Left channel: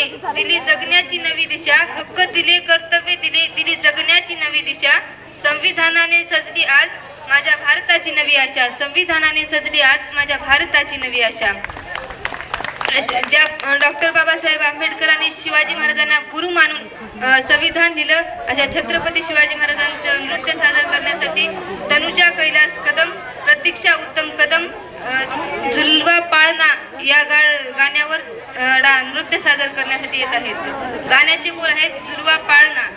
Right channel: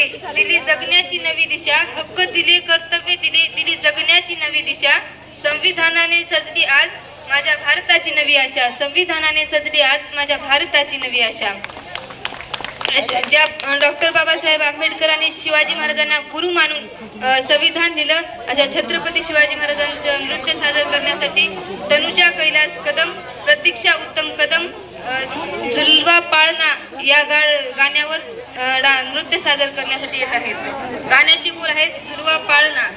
दिले, दिली जगण्याची नवी दिशा. हक्क दिले, कर्तव्य दिले, दिली जगण्याची नवी दिशा. संविधानाने सजली आज माझ्या भारताची नवी आशा. संविधानाने सजली आज माझ्या भारताची नवी आशा. ज्या डॉक्टर बाबासाहेब आंबेडकरांनी शिवाजी महाराजांना गुरु मानून संविधान लिहिलं, अशा छत्रपती शिवाजी महाराजांचं नृत्य सादर करण्यासाठी तनुजा कैलास कदम, प्रतीक्षा उत्तम कदम झुलवा पाळणा या गाण्यावर नृत्य सादर करण्यासाठी येत आहेत. गाण्याचे बोल आहेत झुलवा पाळणा.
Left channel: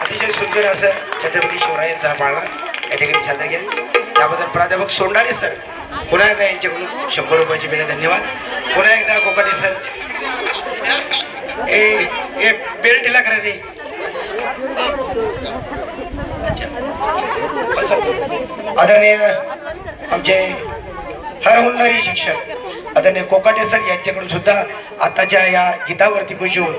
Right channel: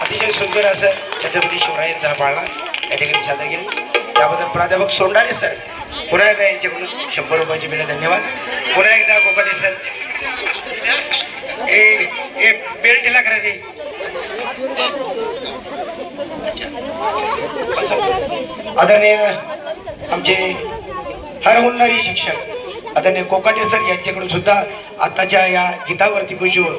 अतिशय सुंदर असं छत्रपती शिवरायांचा पाळणा या ठिकाणी सादर केला. त्याबद्दल प्राध्यापक सोंडारे सर पुन्हा एकदा यांच्याकडून 100 रुपयाची भेट. धन्यवाद. पुन्हा एकदा कोकाटे सर ए बेल्ट दिला करा रे. आदरणीय आमचे हर होणारी शिक्षक आदरणीय कोकाटे सर यांच्याकडून सुद्धा आताच्या या गीतावरती खुशी होऊन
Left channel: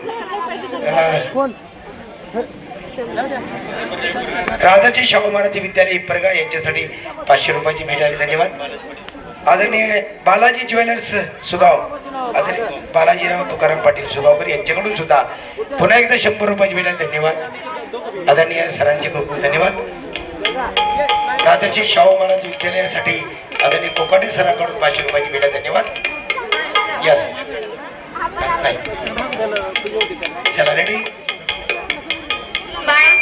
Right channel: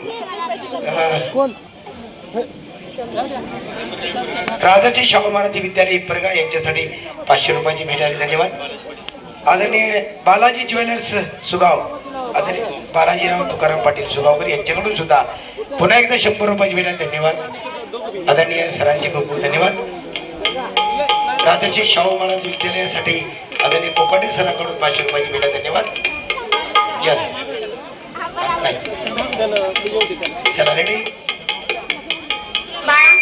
राधाजी शाहू महाराज विद्यालय परगा यांच्यासाठी 500 रुपयाची भेट आली. धन्यवाद. आदरणीय बालाजी ज्वेलर्स सुगाव, आदरणीय बालाजीराव तुकाराम पाटील सुगावकर यांच्याकडून सुद्धा पुन्हा एकदा 100 रुपयाची भेट आहे. धन्यवाद आदरणीय सरांचे खूप खूप धन्यवाद. राजर्षी शाहू महाराज विद्यालयासाठी आदरणीय कोकाटे सरांकडून 500 रुपयाची भेट आहे. धन्यवाद. यस चला रेडी बाळा